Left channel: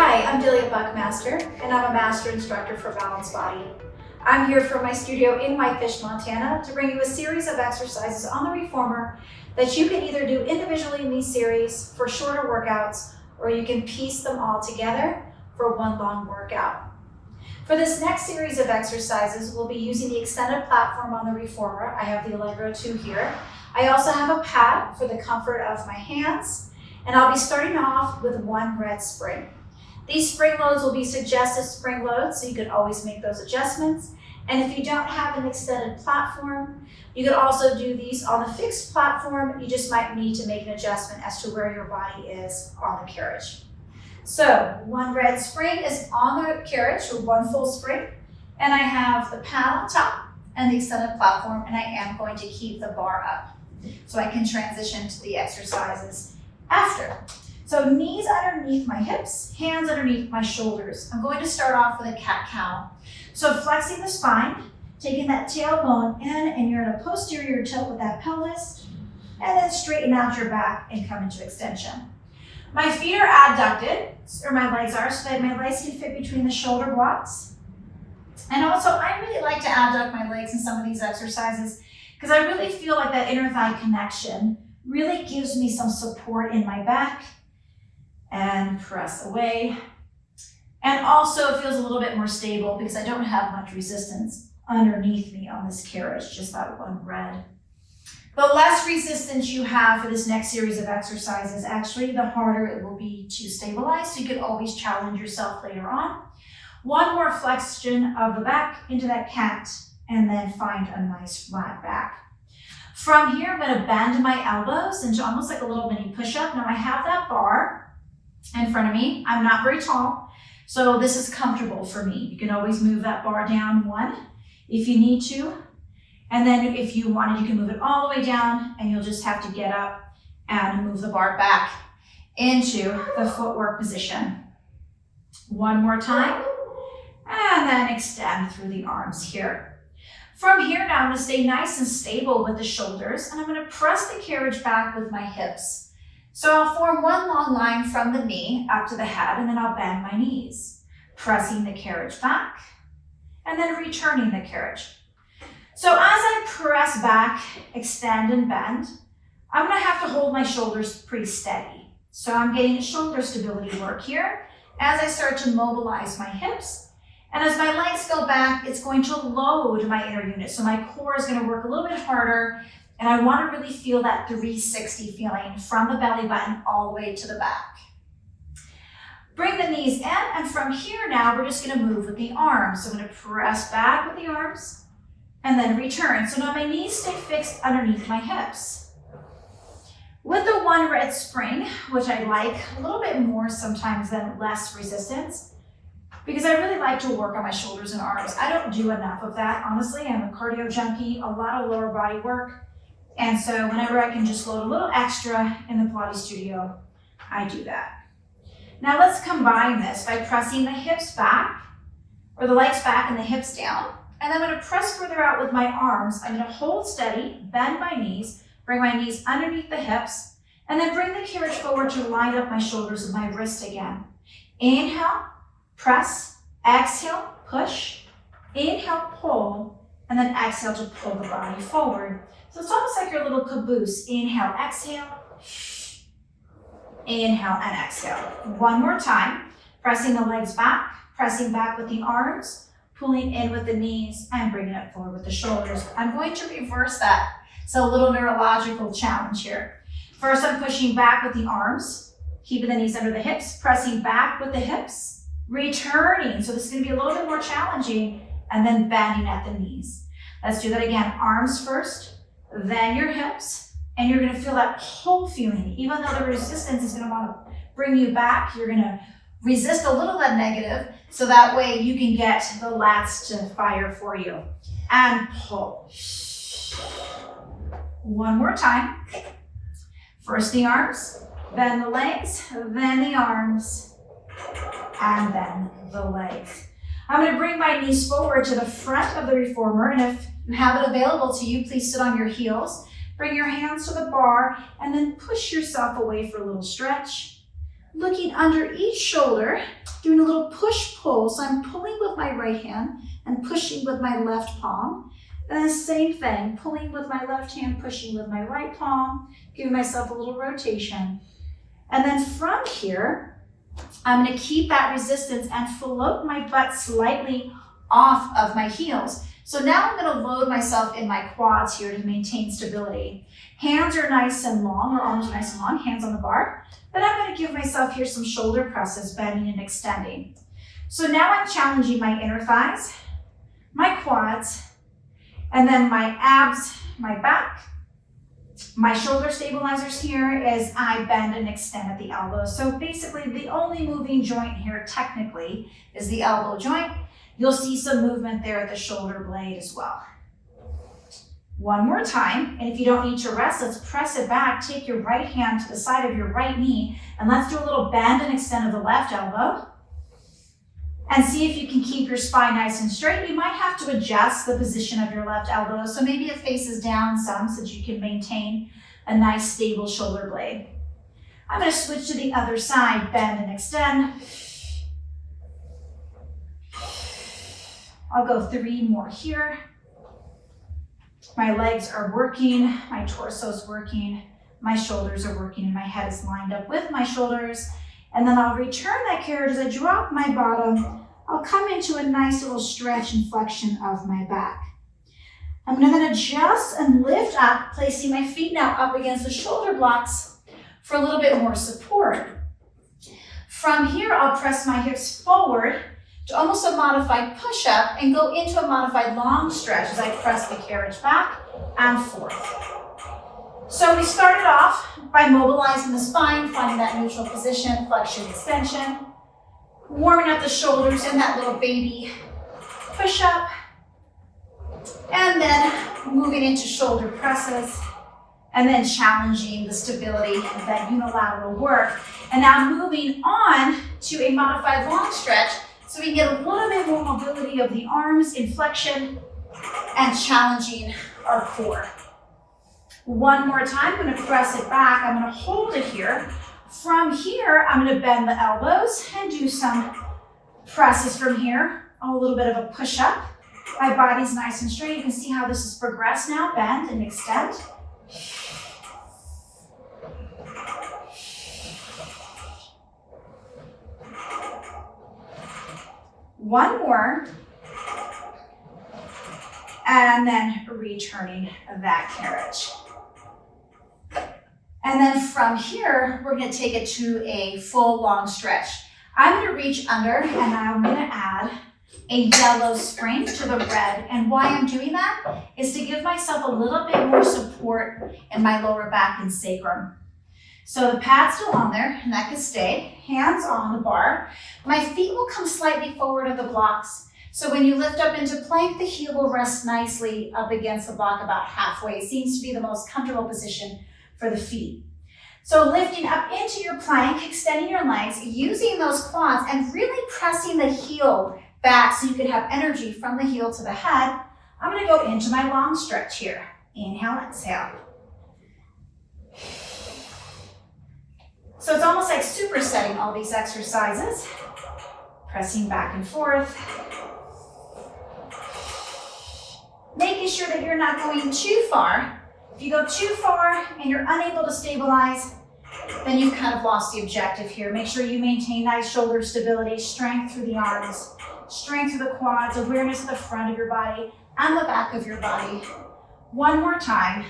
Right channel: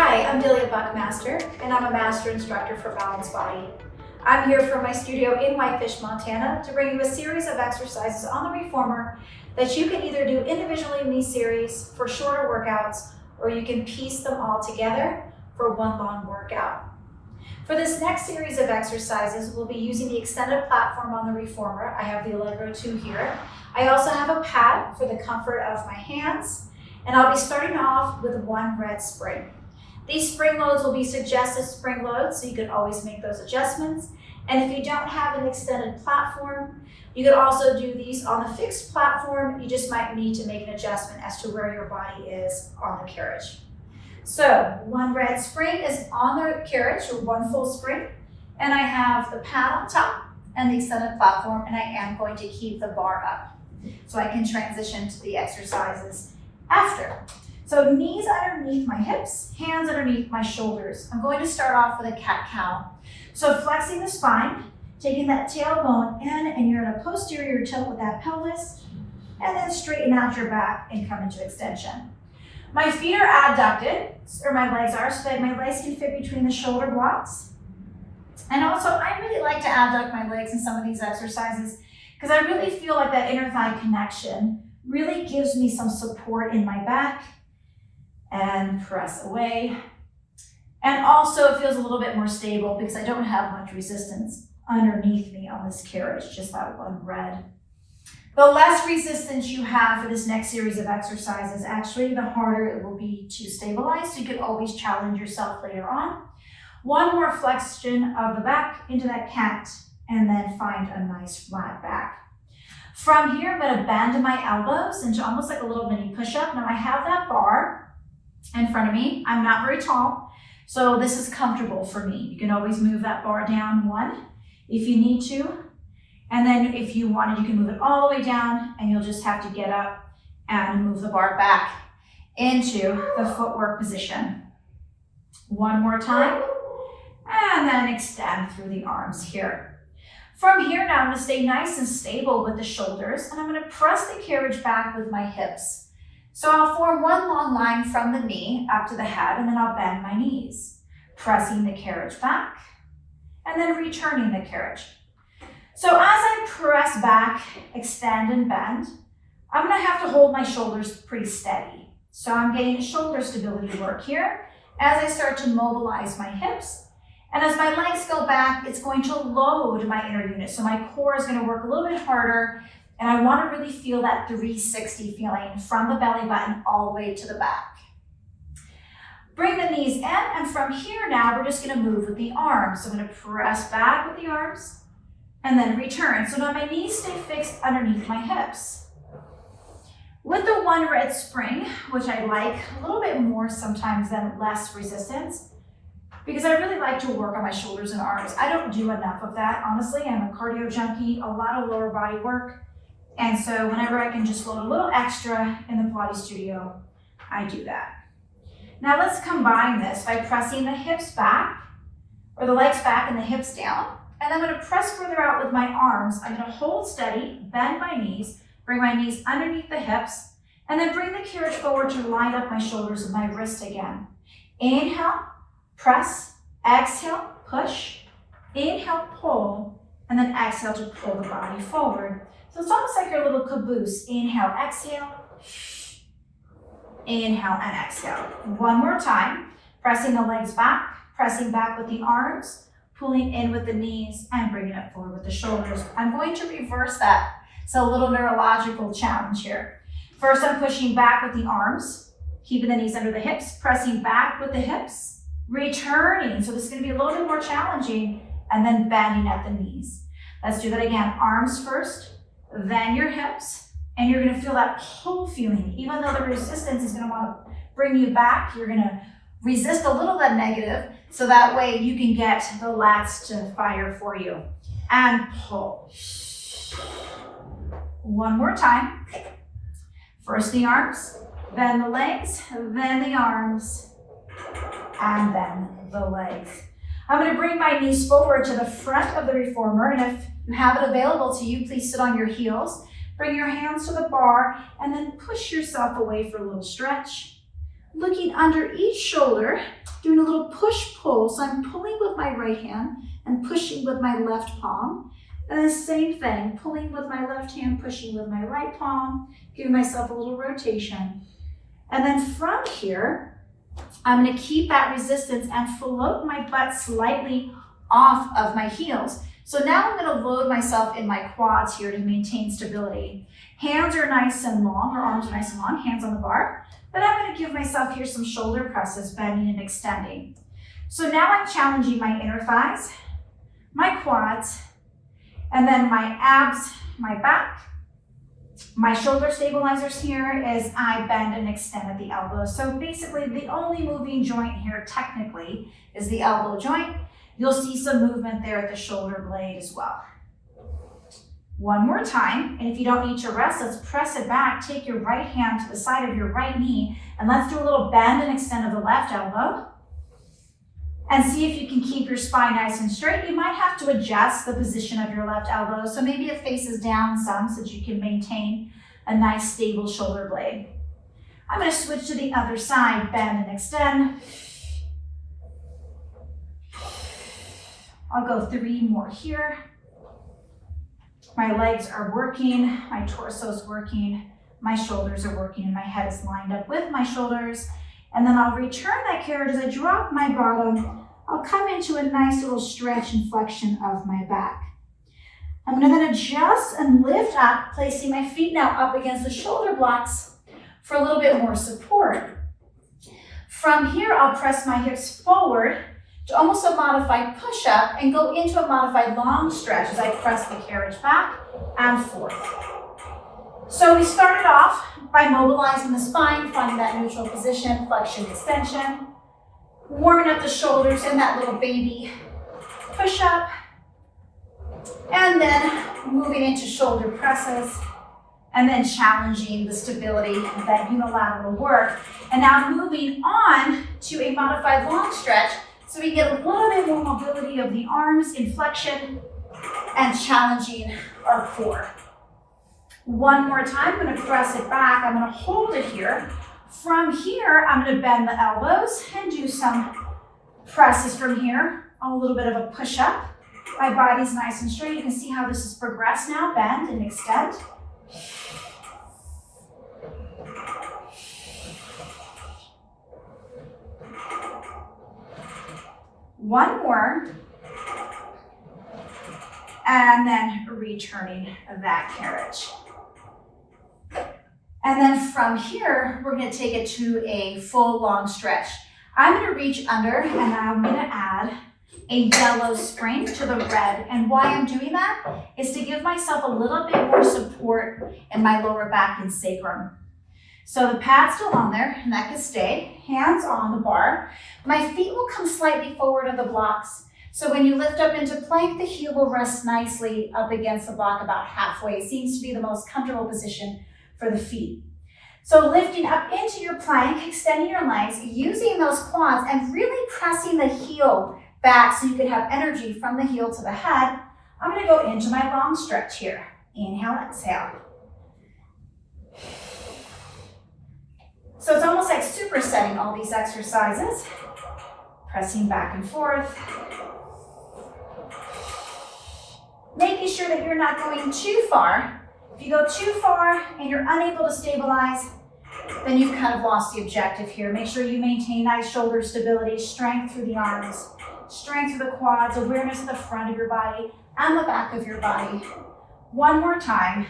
Hi, I'm Delia Buckmaster, and I'm a master instructor for Balanced Body. I'm here from my studio in Whitefish, Montana to bring you a series of exercises on the reformer that you can either do individually in these series for shorter workouts, or you can piece them all together for one long workout. For this next series of exercises, we'll be using the extended platform on the reformer. I have the Allegro 2 here. I also have a pad for the comfort of my hands, and I'll be starting off with one red spring. These spring loads will be suggested spring loads, so you can always make those adjustments. And if you don't have an extended platform, you could also do these on the fixed platform. You just might need to make an adjustment as to where your body is on the carriage. So one red spring is on the carriage, or one full spring, and I have the pad on top and the extended platform, and I am going to keep the bar up so I can transition to the exercises after. So knees underneath my hips, hands underneath my shoulders. I'm going to start off with a cat-cow. So flexing the spine, taking that tailbone in, and you're in a posterior tilt with that pelvis, and then straighten out your back and come into extension. My feet are adducted, or my legs are, so that my legs can fit between the shoulder blocks. And also, I really like to adduct my legs in some of these exercises because I really feel like that inner thigh connection really gives me some support in my back. And press away. And also it feels a little bit more stable because I don't have much resistance underneath me on this carriage, just that one red. The less resistance you have for this next series of exercises, actually, the harder it will be to stabilize. So you can always challenge yourself later on. One more flexion of the back into that cat, and then find a nice flat back. From here, I'm going to bend my elbows into almost like a little mini push-up. Now I have that bar in front of me. I'm not very tall, so this is comfortable for me. You can always move that bar down one if you need to. And then if you wanted, you can move it all the way down, and you'll just have to get up and move the bar back into the footwork position. One more time, and then extend through the arms here. From here now, I'm going to stay nice and stable with the shoulders, and I'm going to press the carriage back with my hips. So I'll form one long line from the knee up to the head, and then I'll bend my knees, pressing the carriage back, and then returning the carriage. So as I press back, extend and bend, I'm gonna have to hold my shoulders pretty steady. So I'm getting shoulder stability work here as I start to mobilize my hips. And as my legs go back, it's going to load my inner unit. So my core is gonna work a little bit harder, and I want to really feel that 360 feeling from the belly button all the way to the back. Bring the knees in, and from here now, we're just going to move with the arms. So I'm going to press back with the arms and then return. So now my knees stay fixed underneath my hips. With the one red spring, which I like a little bit more sometimes than less resistance, because I really like to work on my shoulders and arms. I don't do enough of that, honestly. I'm a cardio junkie, a lot of lower body work. And so whenever I can just load a little extra in the Pilates studio, I do that. Now let's combine this by pressing the hips back, or the legs back and the hips down. And I'm going to press further out with my arms. I'm going to hold steady, bend my knees, bring my knees underneath the hips, and then bring the carriage forward to line up my shoulders with my wrist again. Inhale, press, exhale, push, inhale, pull, and then exhale to pull the body forward. So it's almost like your little caboose. Inhale, exhale, inhale, and exhale. One more time, pressing the legs back, pressing back with the arms, pulling in with the knees, and bringing it forward with the shoulders. I'm going to reverse that. So a little neurological challenge here. First, I'm pushing back with the arms, keeping the knees under the hips, pressing back with the hips, returning. So this is going to be a little bit more challenging, and then bending at the knees. Let's do that again. Arms first, then your hips, and you're going to feel that pull feeling. Even though the resistance is going to want to bring you back, you're going to resist a little that negative, so that way you can get the lats to fire for you. And pull. One more time. First the arms, then the legs, then the arms, and then the legs. I'm going to bring my knees forward to the front of the reformer, and if you have it available to you, please sit on your heels. Bring your hands to the bar, and then push yourself away for a little stretch. Looking under each shoulder, doing a little push-pull. So I'm pulling with my right hand and pushing with my left palm. And the same thing, pulling with my left hand, pushing with my right palm, giving myself a little rotation. And then from here, I'm gonna keep that resistance and float my butt slightly off of my heels. So now I'm gonna load myself in my quads here to maintain stability. Hands are nice and long, or arms are nice and long, hands on the bar. Then I'm gonna give myself here some shoulder presses, bending and extending. So now I'm challenging my inner thighs, my quads, and then my abs, my back. My shoulder stabilizers here is I bend and extend at the elbows. So basically the only moving joint here technically is the elbow joint. You'll see some movement there at the shoulder blade as well. One more time, and if you don't need to rest, let's press it back. Take your right hand to the side of your right knee, and let's do a little bend and extend of the left elbow. And see if you can keep your spine nice and straight. You might have to adjust the position of your left elbow, so maybe it faces down some so that you can maintain a nice stable shoulder blade. I'm going to switch to the other side, bend and extend. I'll go 3 more here. My legs are working, my torso is working, my shoulders are working, and my head is lined up with my shoulders. And then I'll return that carriage as I drop my bottom. I'll come into a nice little stretch and flexion of my back. I'm going to then adjust and lift up, placing my feet now up against the shoulder blocks for a little bit more support. From here, I'll press my hips forward to almost a modified push-up and go into a modified long stretch as I press the carriage back and forth. So we started off by mobilizing the spine, finding that neutral position, flexion, extension, warming up the shoulders in that little baby push-up, and then moving into shoulder presses, and then challenging the stability of that unilateral work. And now moving on to a modified long stretch, so we get a little bit more mobility of the arms in flexion and challenging our core. One more time, I'm going to press it back. I'm going to hold it here. From here, I'm going to bend the elbows and do some presses from here. A little bit of a push-up. My body's nice and straight. You can see how this has progressed now. Bend and extend. One more, and then returning that carriage. And then from here, we're going to take it to a full long stretch. I'm going to reach under, and I'm going to add a yellow spring to the red. And why I'm doing that is to give myself a little bit more support in my lower back and sacrum. So the pad's still on there, and that can stay. Hands on the bar. My feet will come slightly forward of the blocks. So when you lift up into plank, the heel will rest nicely up against the block about halfway. It seems to be the most comfortable position for the feet. So lifting up into your plank, extending your legs, using those quads, and really pressing the heel back so you can have energy from the heel to the head. I'm going to go into my long stretch here. Inhale, exhale. So it's almost like supersetting all these exercises. Pressing back and forth. Making sure that you're not going too far. If you go too far and you're unable to stabilize, then you've kind of lost the objective here. Make sure you maintain nice shoulder stability, strength through the arms, strength through the quads, awareness of the front of your body and the back of your body. One more time,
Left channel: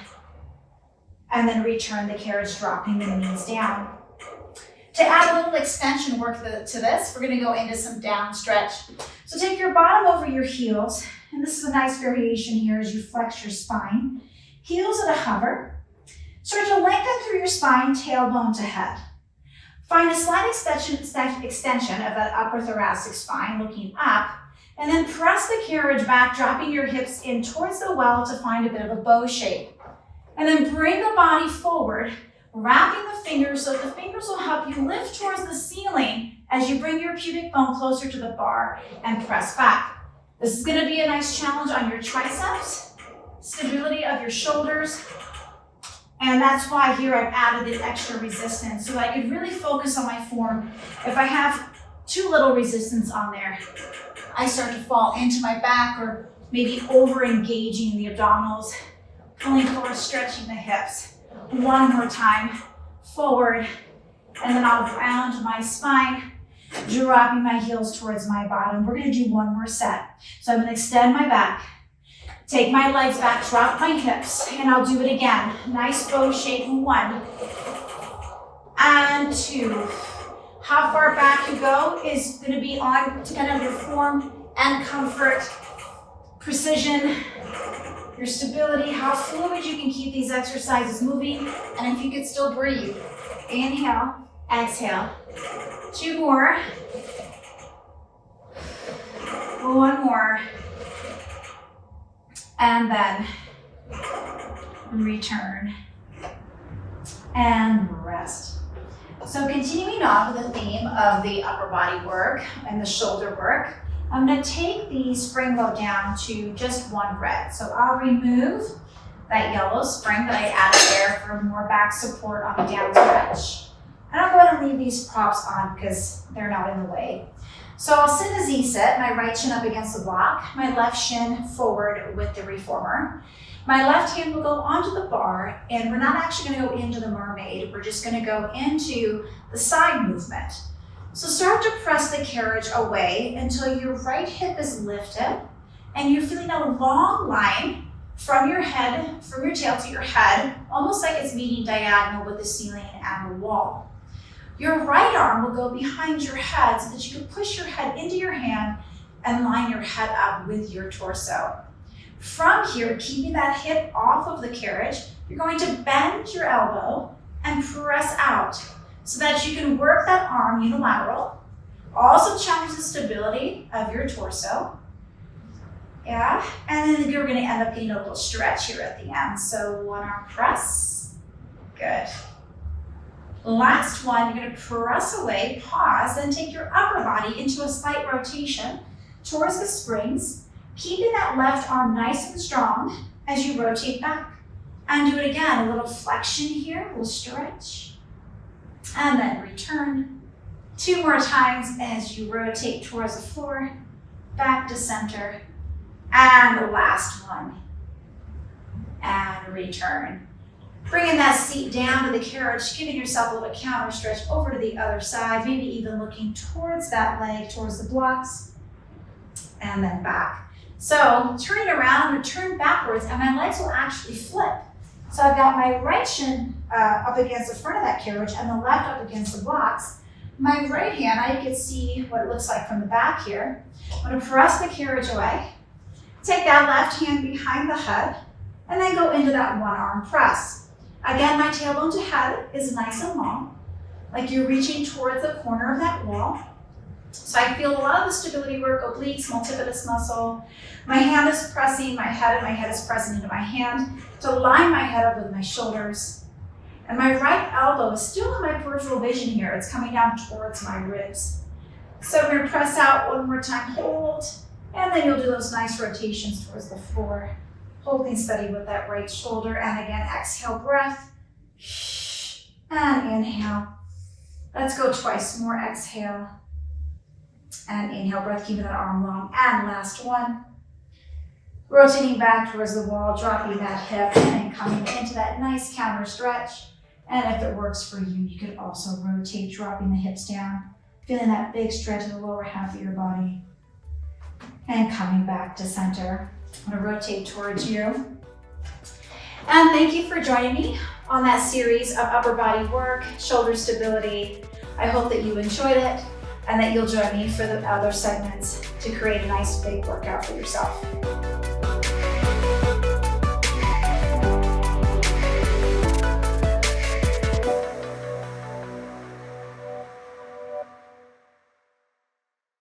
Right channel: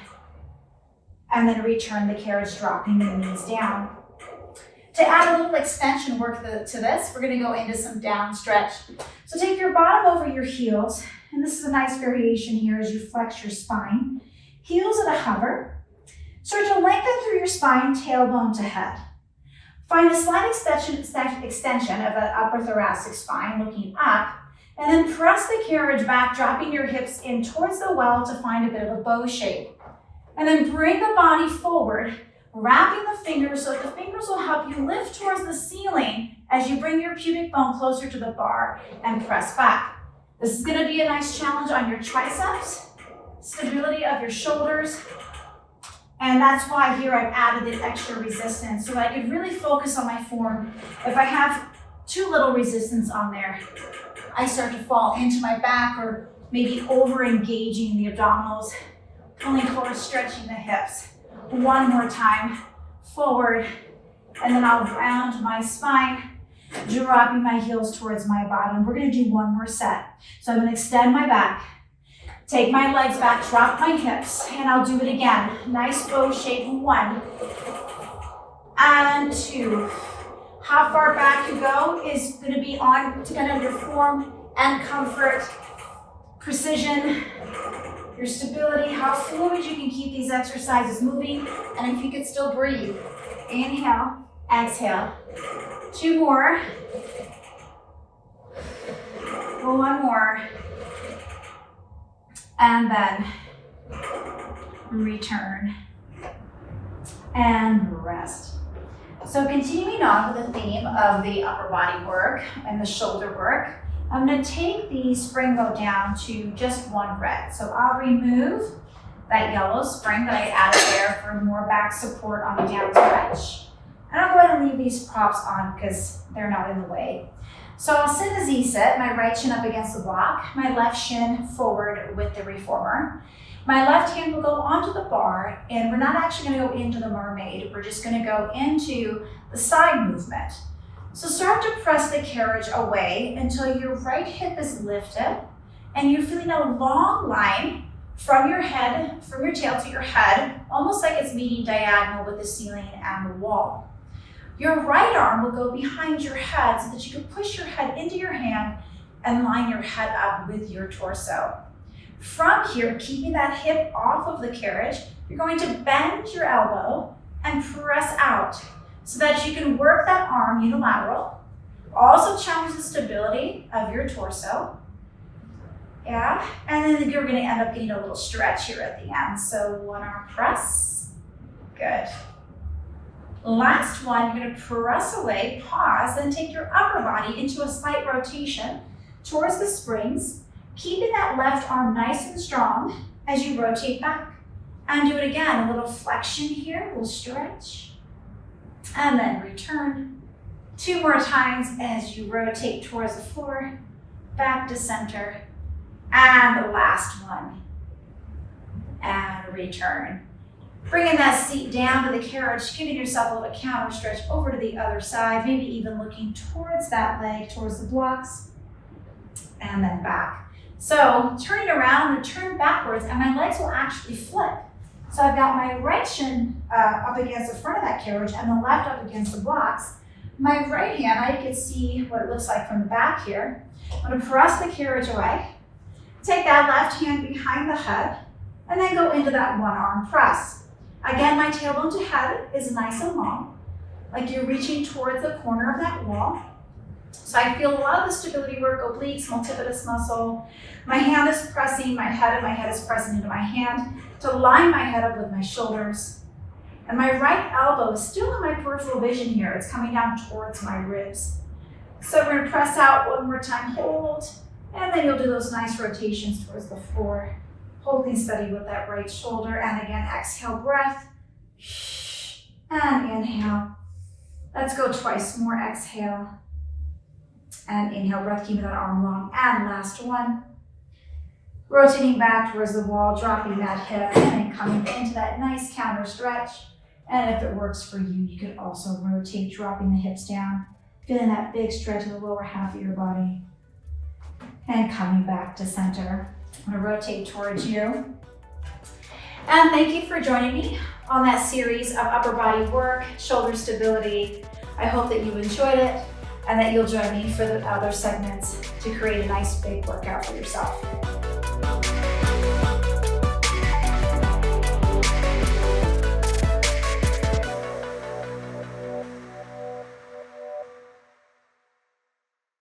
and then return the carriage, dropping the knees down. To add a little extension work to this, we're going to go into some down stretch. So take your bottom over your heels, and this is a nice variation here as you flex your spine. Heels at a hover. Start to lengthen through your spine, tailbone to head. Find a slight extension of the upper thoracic spine, looking up, and then press the carriage back, dropping your hips in towards the well to find a bit of a bow shape. And then bring the body forward, wrapping the fingers so that the fingers will help you lift towards the ceiling as you bring your pubic bone closer to the bar and press back. This is going to be a nice challenge on your triceps, stability of your shoulders, And that's why here I've added an extra resistance so that I could really focus on my form. If I have too little resistance on there, I start to fall into my back or maybe over engaging the abdominals, pulling forward, stretching the hips. One more time, forward, and then I'll round my spine, dropping my heels towards my bottom. We're gonna do one more set. So I'm gonna extend my back, take my legs back, drop my hips, and I'll do it again. Nice bow shape, 1 and 2. How far back you go is gonna be on depending on your form and comfort, precision, your stability, how fluid you can keep these exercises moving, and if you could still breathe. Inhale, exhale. 2 more. 1 more. And then return and rest. So continuing on with the theme of the upper body work and the shoulder work, I'm going to take the spring load down to just 1 red. So I'll remove that yellow spring that I added there for more back support on the down stretch. And I'll go ahead and leave these props on because they're not in the way. So I'll sit in a Z sit, my right shin up against the block, my left shin forward with the reformer. My left hand will go onto the bar, and we're not actually going to go into the mermaid. We're just going to go into the side movement. So start to press the carriage away until your right hip is lifted, and you're feeling a long line from your head, from your tail to your head, almost like it's meeting diagonal with the ceiling and the wall. Your right arm will go behind your head so that you can push your head into your hand and line your head up with your torso. From here, keeping that hip off of the carriage, you're going to bend your elbow and press out so that you can work that arm unilateral. Also challenge the stability of your torso. Yeah, and then you're gonna end up getting a little stretch here at the end. So 1 arm press, good. Last one, you're gonna press away, pause, then take your upper body into a slight rotation towards the springs, keeping that left arm nice and strong as you rotate back. And do it again, a little flexion here, a little stretch, and then return. 2 more times as you rotate towards the floor, back to center, and the last one, and return. Bringing that seat down to the carriage, giving yourself a little counter stretch over to the other side, maybe even looking towards that leg, towards the blocks, and then back. So turning around, I'm gonna turn backwards and my legs will actually flip. So I've got my right shin up against the front of that carriage and the left up against the blocks. My right hand, I can see what it looks like from the back here. I'm gonna press the carriage away, take that left hand behind the head, and then go into that 1 arm press. Again, my tailbone to head is nice and long, like you're reaching towards the corner of that wall. So I feel a lot of the stability work, obliques, multifidus muscle. My hand is pressing my head and my head is pressing into my hand to line my head up with my shoulders. And my right elbow is still in my peripheral vision here. It's coming down towards my ribs. So we're gonna press out 1 more time, hold, and then you'll do those nice rotations towards the floor. Holding steady with that right shoulder, and again, exhale, breath, and inhale. Let's go twice more, exhale, and inhale, breath, keeping that arm long, and last one. Rotating back towards the wall, dropping that hip, and then coming into that nice counter stretch. And if it works for you, you could also rotate, dropping the hips down, feeling that big stretch in the lower half of your body, and coming back to center. I'm gonna rotate towards you. And thank you for joining me on that series of upper body work, shoulder stability. I hope that you enjoyed it and that you'll join me for the other segments to create a nice big workout for yourself.